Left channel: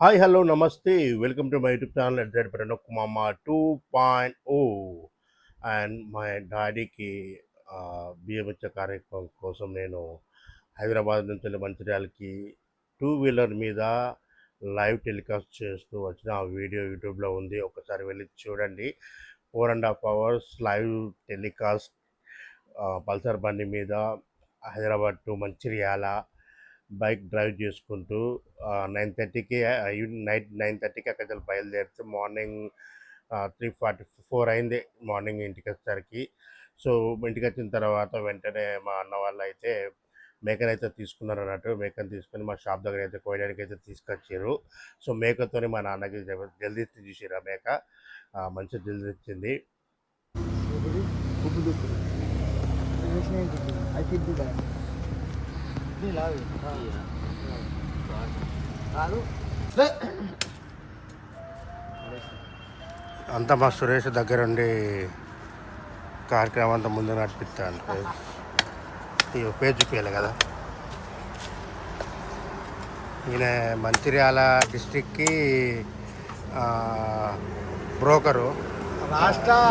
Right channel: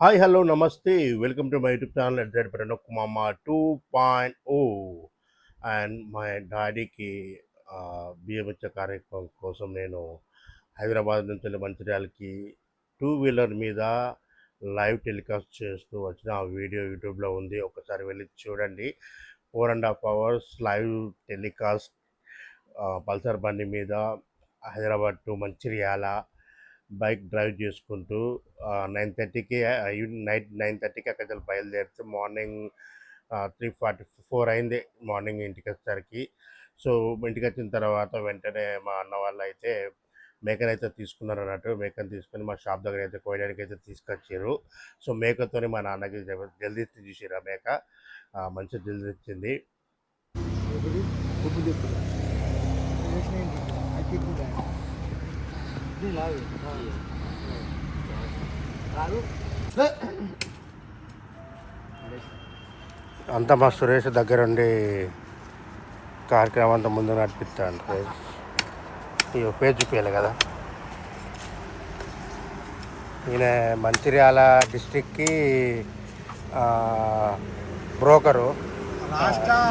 Hi hello నమస్తే welcome to my YouTube channel at that Pranab మామ 2.0 and మా డాడీకి బియ్యం ఇచ్చే కార్యక్రమం కోసం నేను హైదరాబాద్ నుంచి మంచిర్యాలకి టూ వీలర్ మీద లైవ్ టెలికాస్ట్ చేస్తూ వచ్చిన ఆ వీడియో యూట్యూబ్లో ఉంది. ఒకసారి వెళ్ళి చూడండి. 4.5 hours లైవ్ టెలికాస్ట్ పల్సర్ బండి మీద Hyderabad to Mancherial bike drive చేసుకుంటూ 9:30కి నైట్ 9:30కి అక్కడ బయలుదేరితే మార్నింగ్ 3:44 అయింది మార్నింగ్ ఇంటికి వచ్చేసరికి. సో ఇంటికి వచ్చిన తర్వాత వెంటనే మా అన్న వాళ్ళు అయితే మేకనైతే తీసుకున్నారు అన్నట్టు. మేకను తీసుకొని మా షాప్ దగ్గర అయితే కోయడానికి అయితే తీసుకొచ్చారు. సో మేకతోని మా నాన్నకి జల్దీ తీసిరు. ఆ మేక మంచి జల్దీ ఇచ్చింది. అంతా మా సురేష్ దగ్గరుండి కార్యక్రమం అంతా ముందు నడిపిస్తాను. ఇక పేరు చూపించాలి కదా. ఈయన మంచిర్యాల డిస్టిక్కి బ్రోకరు,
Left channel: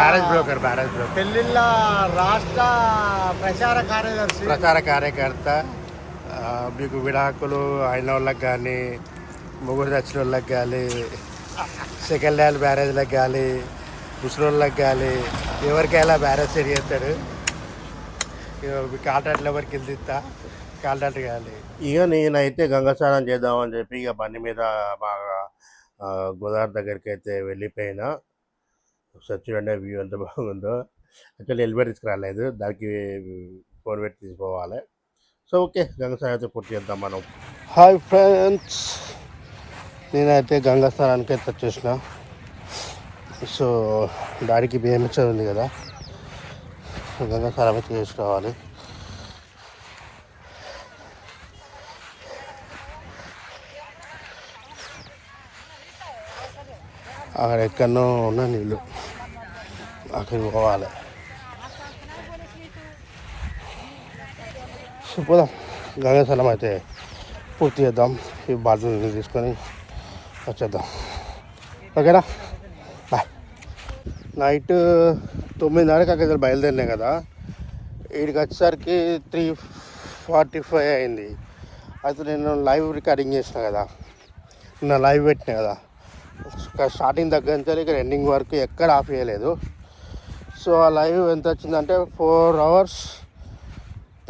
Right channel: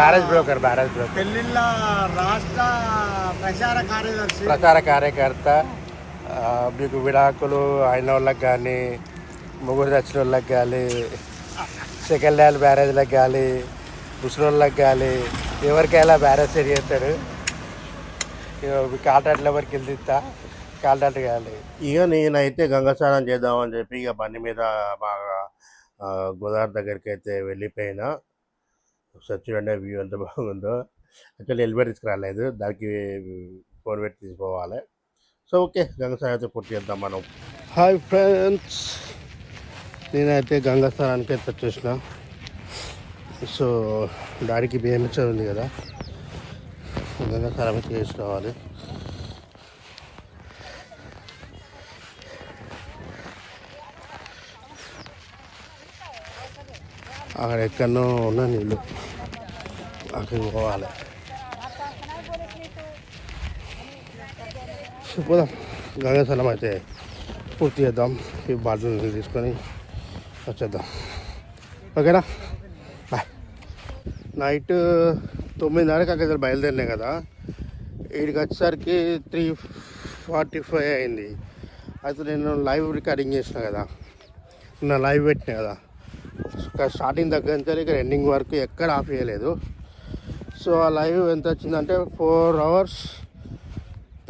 బ్యారేజ్ బ్రోకర్ రాష్ట్ర ప్రచార కార్యకర్త. మీకు విడాకులు అయిన వాళ్ళకి కానీ, ముగ్గురు తెచ్చిన వాళ్ళకి కానీ, సెకండ్ హ్యాండ్ బ్యారేజ్లకు కానీ, ముసలోళ్ళకి కానీ ఎవరికైనా బ్యారేజ్ సెట్ చేస్తాడు. కాంట్రాక్ట్లు ఎవరికి వెళ్తా కాంట్రాక్ట్ కానీ. ఇక నేనైతే గంగా స్నానం చేద్దామని చెప్పి ఇక బండి మీద బాగా గోదావరి దగ్గరికి అయితే వెళ్ళిపోయినా. ఒకసారి చూడండి వ్యూ ఎంత బాగుందో. యాక్చువల్లీ హెల్మెట్ తీసుకురాలేదు, దానికి ఫోన్ పెట్టి తీసుకోవాలి. సో ఓకే, గంగా స్నానం అయితే పూర్తి చేద్దాం మనం. హాయ్ ఫ్రెండ్స్, నేనైతే గంగా స్నానానికి అయితే వచ్చేసిన. సో డాడీకి బియ్యం ఉంది కదా, గంగా స్నానం అయితే చేసి రావాలి. అక్కడ ఎక్కడనో ఉన్న నీళ్ళు, అక్కడికి పోవాలి. పోదాం, గంగా స్నానం అయితే పూర్తి చేద్దాం. ఈ బాటిల్ తీసుకొని వచ్చేద్దాం. ఓకేనా, బాయ్. నైట్ 9:30కి అక్కడ బయలుదేరినాయి కదా, వీడికి వచ్చేసరికి 3:45 అయింది. అయితే నేను లైవ్ రికార్డింగ్ చేసిన కదా, నా లైవ్ పెట్టినా కదా, స్టార్టింగ్ దగ్గర నుంచి ఇక్కడ ఎండింగ్ వరకు ఎక్కడ ఆఫ్ చేయలేదు. సో ఆ లైవ్ ఎంత వచ్చిందంటే 4 hours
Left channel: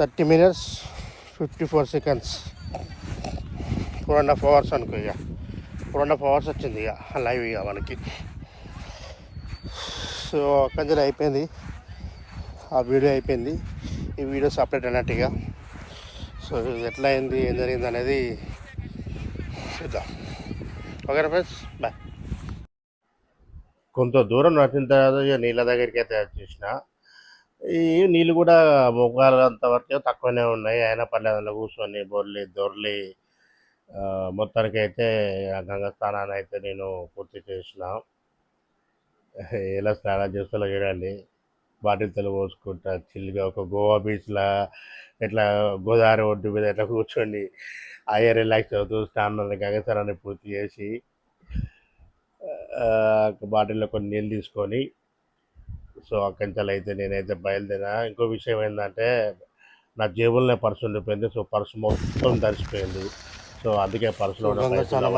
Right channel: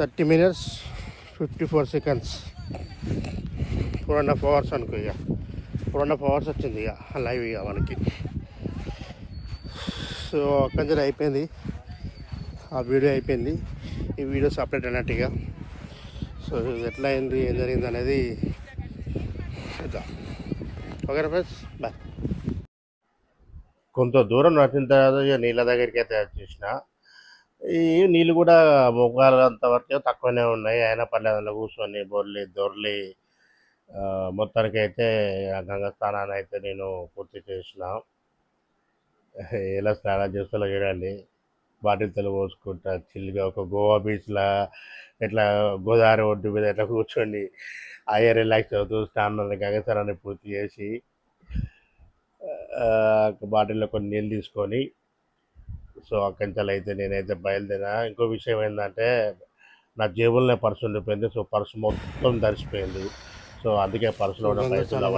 30 minutes 54 seconds, 4.5 hours అనుకో. ఇక 4.5 hours వచ్చింది ఇక లైవ్ ఇక మనకి. సో అక్కడి నుంచి అయిపోయింది, ఆ వీడియో అయిపోయింది. ఈ వీడియో సపరేట్ అన్నట్టుగా. సో ఎట్లా అయింది, ఏం జరిగింది అనేది చూద్దాం. Okay friends, bye. కొంత దూరం నడిచిన తర్వాత ఇక నీళ్ళ దగ్గరికి అయితే వచ్చేసిన. ఈ నీళ్ళు కూడా మొగ్గాలు అంతవరకు తక్కువనే ఉన్నాయి. అయినా పర్లేదు కూర్చొని దొర్లి మొత్తానికి అయితే గంగా స్నానాన్ని అయితే నేను పూర్తి చేసిన. ఎలా స్నానం చేస్తా చూడండి. బాటిల్తో పోసుకుంటా చిల్లుగా ఒక గోవా బీచ్లా ఇట్లా గోదావరి ఒడ్డు మీద ఇట్లా కూర్చోండి అయ్యే రిలాక్స్ అవుతూ గంగా స్నానాన్ని పూర్తి చేసి బాటిల్లో కొన్ని నీళ్ళు తీసుకొని సో అక్కడి నుంచి అయితే నేనైతే బయలుదేరా. ఇంకో విషయం ఏంటంటే నా జేబులోనే పర్సు ఉండిపోయింది. సో పర్సు మొత్తం తడిసిపోయింది. సో అందుకే పర్సులో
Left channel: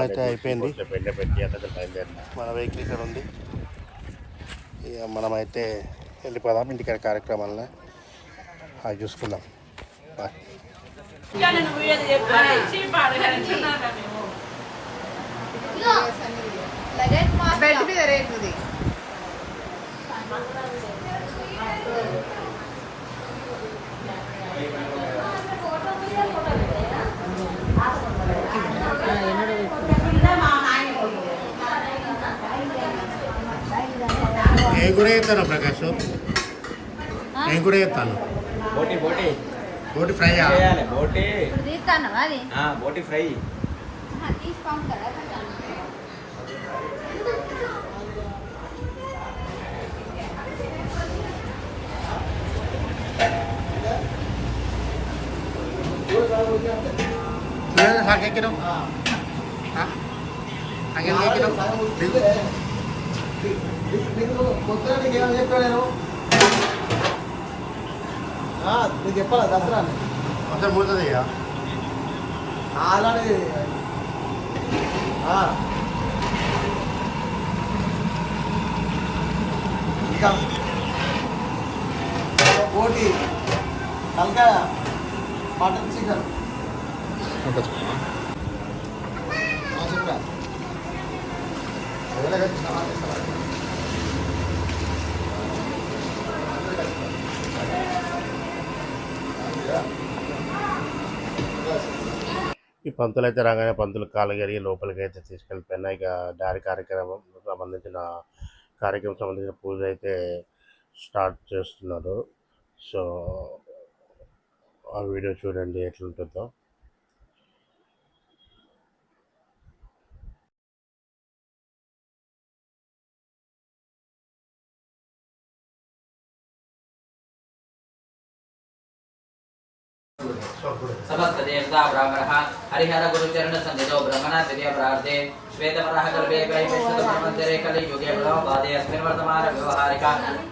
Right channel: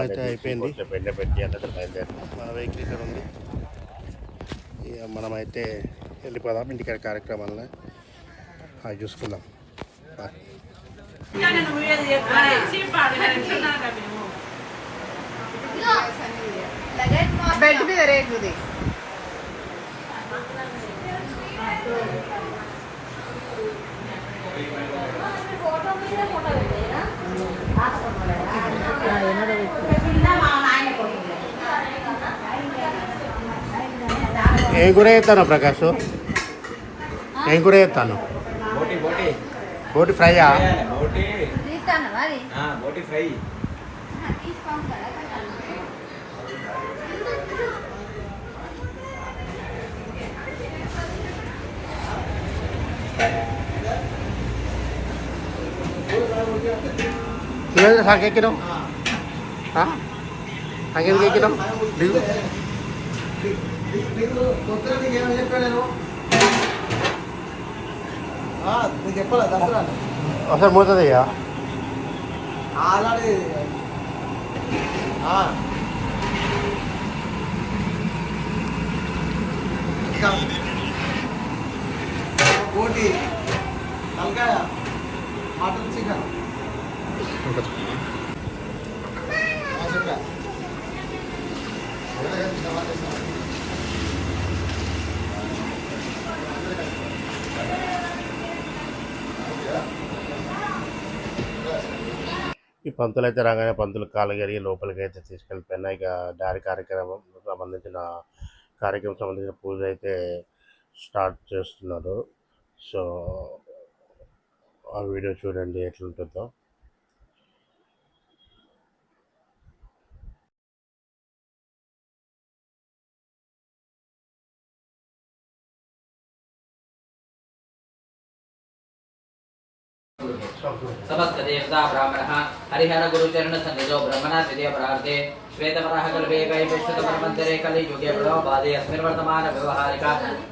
అయితే అయిపోయింది. పెండ పెట్టి అంటే బయలుదేరినా. మన వెహికల్ ఇక్కడ ఉంది, ఇక మనమైతే వెళ్ళిపోదాం ఇంటికాడ కార్యక్రమాలను అవి చూసుకుందాం. బాయ్. బెడ్ మీద రేగుది. ఏం కూడా చేస్తాను ప్రకాష్, ఏం కూడా చేస్తాను? బోటి ఫ్రైయా? బోటి fry. ¿Quieres dejar que quiero? ¿Ah? నాకెందుకు ఎక్కినావు దిగు కొత్తగా నీకు ఏమైనా చెప్పాను నేను నీకు చెప్పాలా దసరా ఒకసారి పోతుంది అయ్యా ఆల్రెడీ కోటి తలకాయ మటన్ చికెన్ చెప్పా ఈ పంతులు అయితే రాగానే పంతులు కాలు కడిగి లోపలికి అయితే తీసుకెళ్ళిపోయినా ఇక దారి కార్యక్రమం సంబంధించిన పూజ అయితే స్టార్ట్ చేస్తున్నారు. సో ఆ వీడియో చూడండి ఎట్లుంటుందో. समस्त देवता ब्राह्मणः हरिहर गुरुचरण सन्निधौ ब्रह्मणा द्वितीय प्रार्थे श्वेतवराह कल्पे वैपुष्पतमन्दिरे कलियुगे प्रणवपादे अस्मिन् वर्तमान व्यवहारिक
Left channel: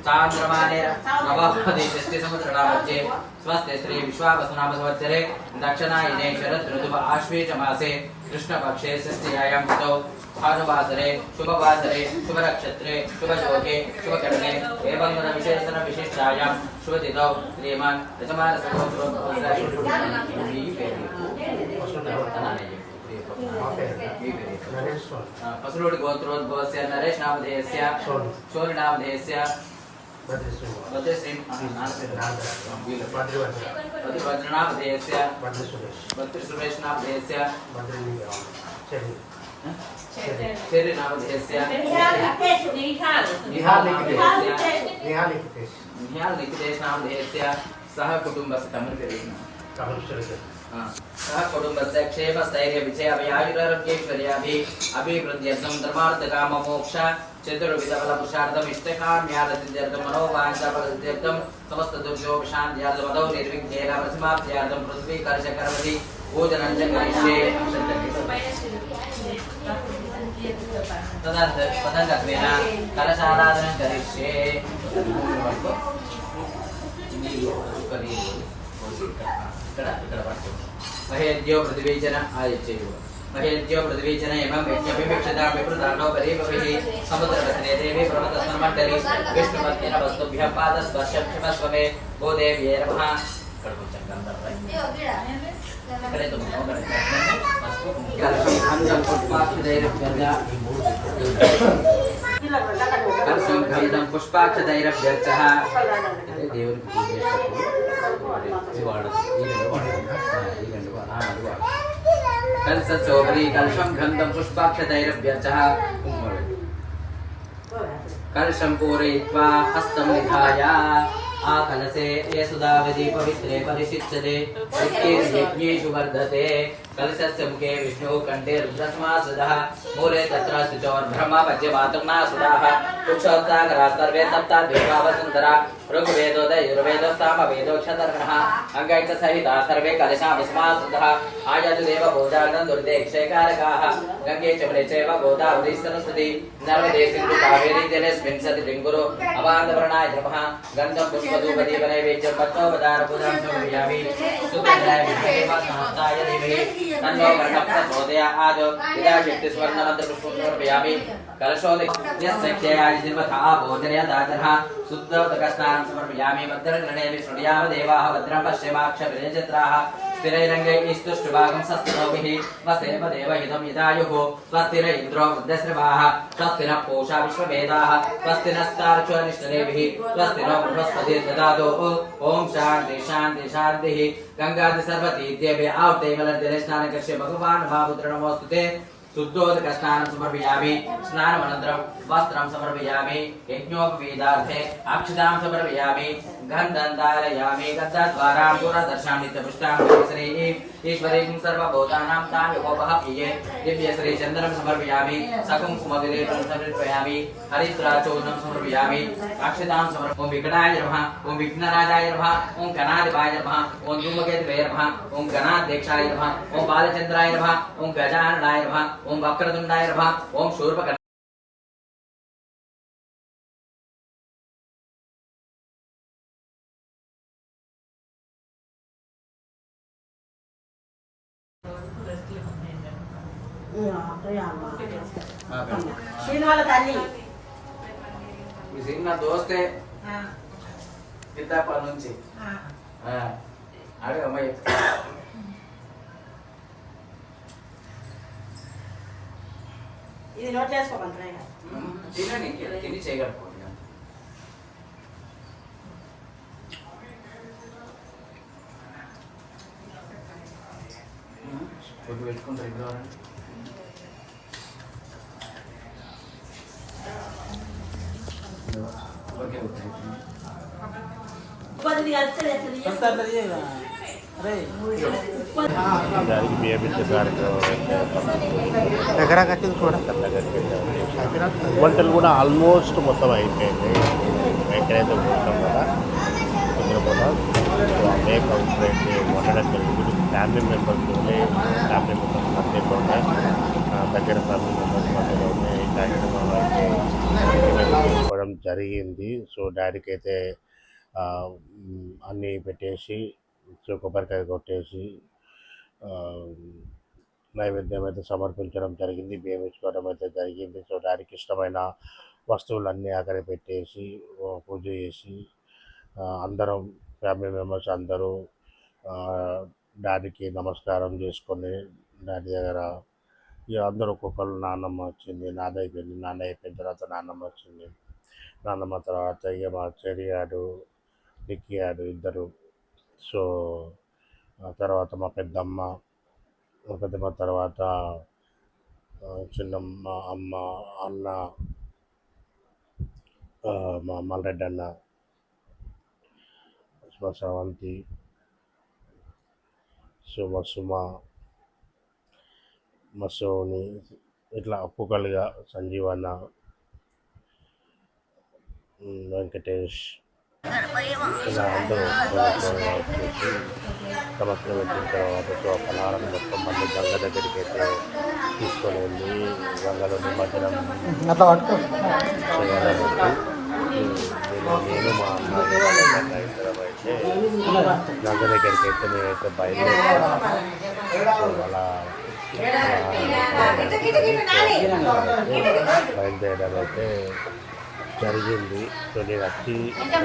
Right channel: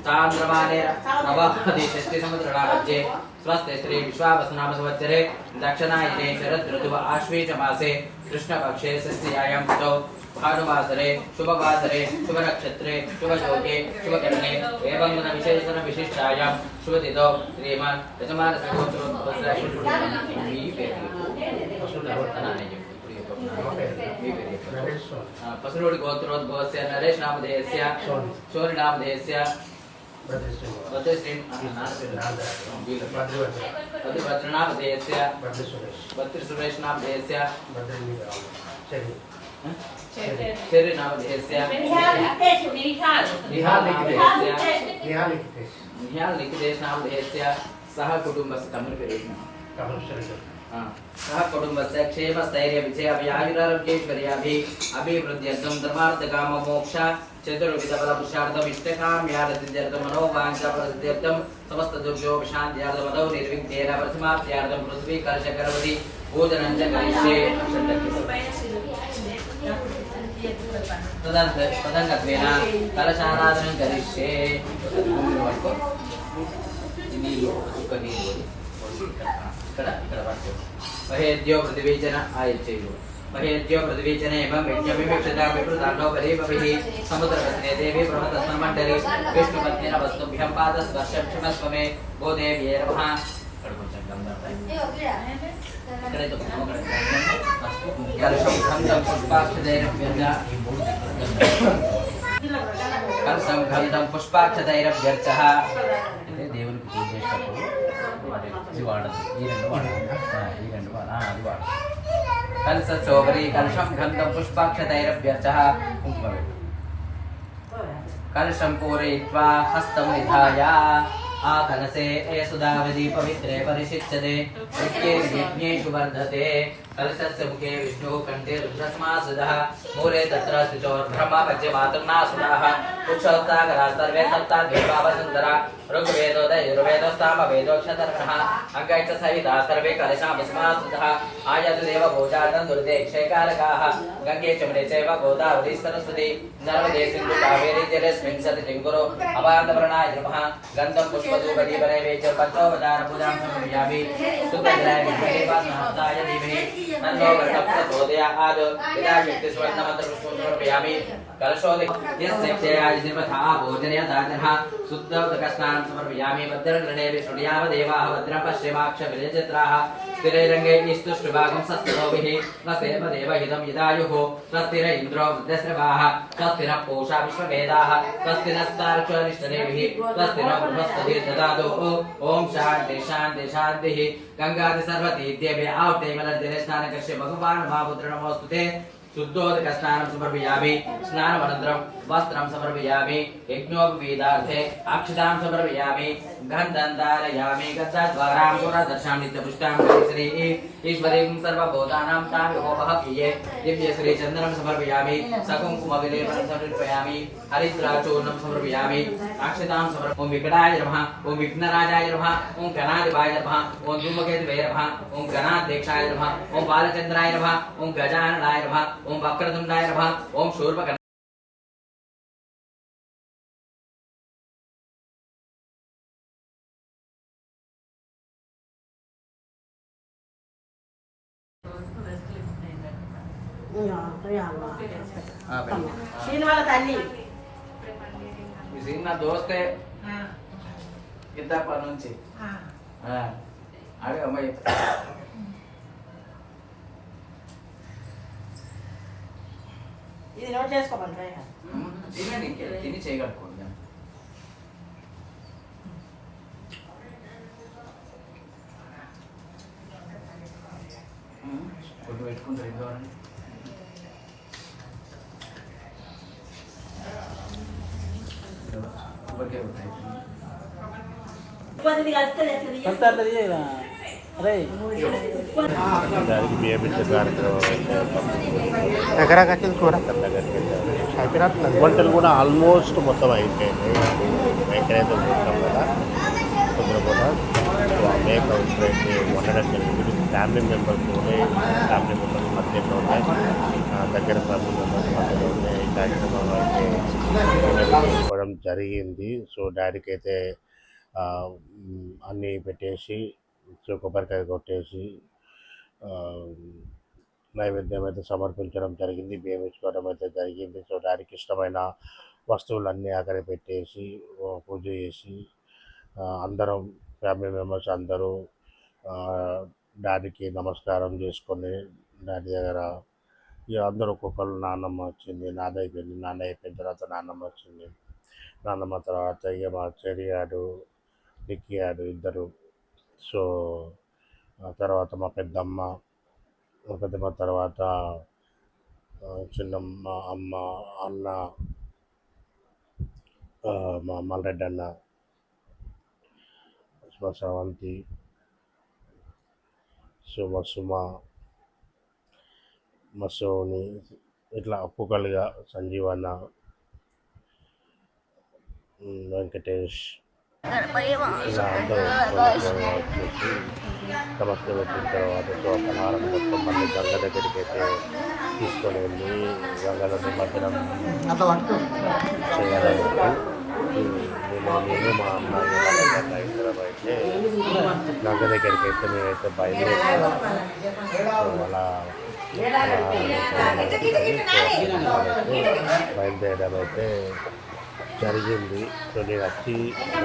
चान्द्रमाने नवापति षष्ठी समुद्रणामध्ये स्वस्ति श्री विश्वावसुनाम संवत्सरे दक्षिणायने शरद ऋतुः आश्वेज मासे कृष्णपक्षे षष्ठ्यायां तिथौ भानुवासरे शुभवासरे शुभनक्षत्रे शुभयोगे शुभकरणे एवं विशेषण विशिष्टायां शुभतिथौ श्रीमान् यजमान पसुलोडि गोत्रोद्भवस्य नरेश नामधेयस्य शोनि नामधेयस्य बद्रिवज्र नामधेयस्य बद्रिसुरेश नामधेयस्य चेरी नामधेयस्य निहाल निकेश नामधेयस्य सह कुटुम्बस्य तमिल पेरेण सह कुटुम्बस्य क्षेम स्थैर्य विजय अभयायुरारोग्यैश्वर्याभिः अभिवृद्ध्यर्थं धर्मार्थकाम मोक्ष चतुर्विध फल पुरुषार्थम इष्टकाम्यार्थं मनोवाञ्छाफलसिद्ध्यर्थं समस्त दुर्योपशान्त्यार्थं मदौ निर्विघ्नेन परिसमाप्त्यार्थं पृथ्वी कलशकरवती भोजनं च करिष्ये तदङ्गत्वेन कलशाराधनं करिष्ये महेद्यो पृथ्वीजन आयच्छेयु महेद्यो पृथ्वीजन एवं यज्ञभिक्षता विप्रदानो परीपभिः समुद्रवसने देवी पर्वतस्मण्डले विष्णुपत्निन वस्तुभ्यः पादस्पर्शक्षमस्वमे भो देव्यै नमः कलशं पुष्पाक्षतैरभ्यर्चः దేవునికి పూజ చేసేటప్పుడు कलशोपरि कलशं गन्धं पुष्पाक्षतैरभ्यर्चः कलशं पूरयित्वा हस्तं निधाय आकलशे सुधावधि पवित्रे परिशिच्यते यज्ञेषु वर्धते कलशस्य मुखे विष्णुः कंठे रुद्रसमासदः मूले तत्र स्थितोर्ब्रह्मा पद्यमातृनासुदाः कुक्षोत्सागरा सर्वे सप्ताद्विभावसुन्दरा ऋग्वेदोदय यजुर्वेदो सामवेदो क्षतर्षणः अङ्गैश्च सहिता सर्वे कलशामसमासुदः आयतदेव भोजार्णं दुर्देक्षैकारकाः गङ्गे चमने चैव गोदावरी सरस्वती नर्मदे सिन्धु कावेरी जलेऽस्मिन् सतिजङ्गुरो अवान्दवर्णाय नमः गन्धं पुष्पधूपदीपने वेद्य पञ्चोपचार पूजां समर्पयामि सुगन्धाय महादेवाय धीमहि तन्नो गणपतिप्रचोदयात् यदा शक्तिस्वर्णमन्त्रपुष्पं समर्पयामि कलशोदयस्य क्षयाय निर्मथा भोजनयदातनः शुद्धोदकस्नानं समर्पयामि भद्रगृणे विष्णुयाम देवाः भद्रं पश्चिमाक्षविरचित्राः स्थिरैरङ्गे स्तुष्टुभागं स्वस्तिनोभिः स्वस्तिनपदेवहितं यदायुः स्वस्ति न इन्द्रो वृद्धश्रवाः स्वस्ति न पूषा विश्ववेदाः स्वस्ति नस्तार्क्ष्यनिष्ठिनैभिः स्वस्ति नो बृहस्पतिर्ददातु ॐ शान्ति शान्ति शान्तिः गङ्गादि सर्वतीर्थेभ्यः आहुते मलर्जने स्नानकर्ष्य भगवान् महापुत्र नमोऽस्तुते शुद्धोदकस्नानं समर्पयामि स्नानमनन्तरं वस्त्रं समर्पयामि यज्ञोपवीतार्थे अक्षतां समर्पयामि गन्धं धारयामि गन्धद्वारां पुरदर्शां नित्यपुष्टां श्री ईश्वरीं सर्वभूतानां ताम्योपः प्रिये दिव्यश्री चन्दनं समर्पयामि सकुङ्कुमविलेपनं समर्पयामि हरिद्राचूर्णं समर्पयामि अक्षतां समर्पयामि ॐ विकटाय नमः ॐ विघ्नराजाय नमः ॐ गणाधिपाय नमः ॐ धूमकेतवे नमः ॐ गणाध्यक्षाय नमः ॐ बालचन्द्राय नमः ॐ गजाननाय नमः ॐ ఓం వక్రతుండాయ నమః ఓం శూర్పకర్ణ వాళ్ళ తల్లి ఈ సీన్ నా దోస్తే కిందప్పటి నుంచి అడే అమ్మాయి ఇది నోట్ చేసుకోమంటారా తినండి తిని చేయగలుగుకోండి ఫుడ్ పెట్టుకుంటారు ఇంట్లో ఓకే ఓకే ఉపాధి కలిస్తే ఎట్లా దానికి బియ్యం ఇచ్చే కార్యక్రమం అయితే ఎక్కడ కట్టింది కూర వంటలు కూడా ఆల్మోస్ట్ మొత్తం అయిపోయింది. ఎక్కడైతే ఉంటాం కదా కొందరు కూడా సో ఆ మేక ఇప్పుడైతే వండడం జరిగింది. ఫ్యామిలీ మెంబర్స్తోనే ఫ్యామిలీ మెంబర్స్ మధ్యలోనే దగ్గర ఫ్యామిలీ మెంబర్స్ మధ్యలోనే ఈ కార్యక్రమం అయితే తీసుకోవడం జరిగింది. సో డాడీకి అయితే అన్నీ పెట్టేసి సో కొబ్బరికాయ కొట్టేసి నైవేద్యం అయితే సమర్పించడం జరిగింది. బియ్యం ఇచ్చుకోవడం అయితే జరిగింది. సో డాడీకి ఇష్టమైన వస్తువులన్నీ అక్కడ పెట్టేసి పూజ చేసి అందరం ఫ్యామిలీ మెంబర్స్ అందరూ డాడీకి నమస్కారం చేసుకొని డాడీ దగ్గర ఇక అందరూ ఒక్కొక్కరు నాన్నమ్మ వచ్చింది, నాన్న అయిపోయింది, నాన్న అయిపోయిన తర్వాత నాన్నమ్మ వచ్చింది, నాన్నమ్మ తర్వాత ఇక మా చెడియాడు నిక్కియాడు ఇద్దరు. సో తర్వాత మా పెద్దమ్మ తర్వాత చిన్నమ్మ అమ్మ అన్న మా మల్లరెడ్డి అన్న శ్రవంతి సుమ మసోని ఇట్లా ఒక్కొక్కరుగా సంజీవన్న వెంకటేష్ ఇలా అందరూ వచ్చేసి నమస్తే పెట్టిన తర్వాత సో పలహారం మొత్తం మళ్ళీ గంగ దగ్గరికి అయితే తీసుకొని వెళ్ళి గంగలో నిమజ్జనం చేయాలన్నట్టు నేను మా అన్నయ్య వాళ్ళ ఇద్దరం అయితే గంగ దగ్గరికి అయితే మేమైతే బయలుదేరాం. సో అలా బయలుదేరడం అయితే జరిగింది. సో నేను వచ్చి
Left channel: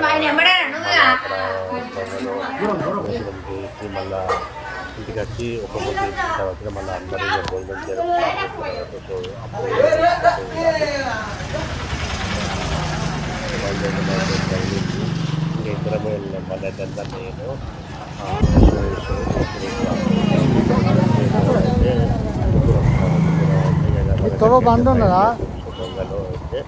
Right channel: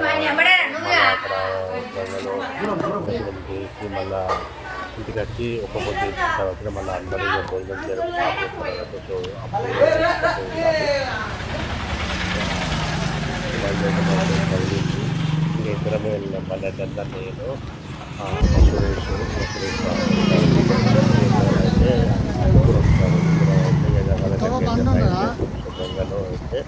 మళ్ళీ అక్కడ గంగలో దర్శనం చేసి మళ్ళీ ఇంటికి వచ్చి ఒక పొద్దు ఇచ్చిన తర్వాత మళ్ళీ అందరూ భోజనం చేయడం స్టార్ట్ చేస్తున్నారు. సో అప్పుడు బయలుదేరడం అయితే జరిగింది. ఇంకా ఇద్దరమే వెళ్ళాం. మళ్ళీ అయితే నేను సురేష్ అయితే ముగ్గురు వస్తారు. ముగ్గురు అయితే గంగలో అయితే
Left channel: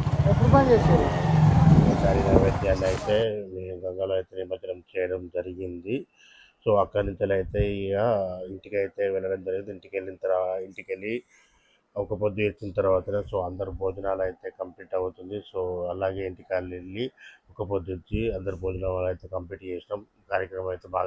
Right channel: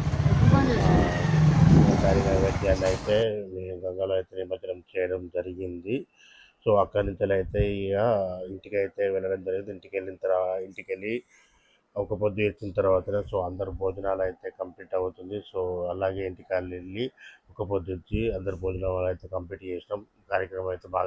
దాని నైవేద్యాన్ని అయితే మేము గంగలో అయితే నిమజ్జనం చేయడం జరిగింది. సో అక్కడి నుంచి అయితే ఇక ఇంటికి అయితే వెళ్ళడం జరిగింది. ఇంటికి వెళ్ళి ఒక పొద్దు ఇచ్చిన తర్వాత సో అందరు భోజనాలు అయితే కంప్లీట్ అవుతుంది. సో అలాగే ఇంటికి వెళ్ళి ఒక పొద్దు ఇచ్చి అందరు భోజనాలు అయితే కంప్లీట్ చేసినాం. కార్యక్రమం అయితే బాగా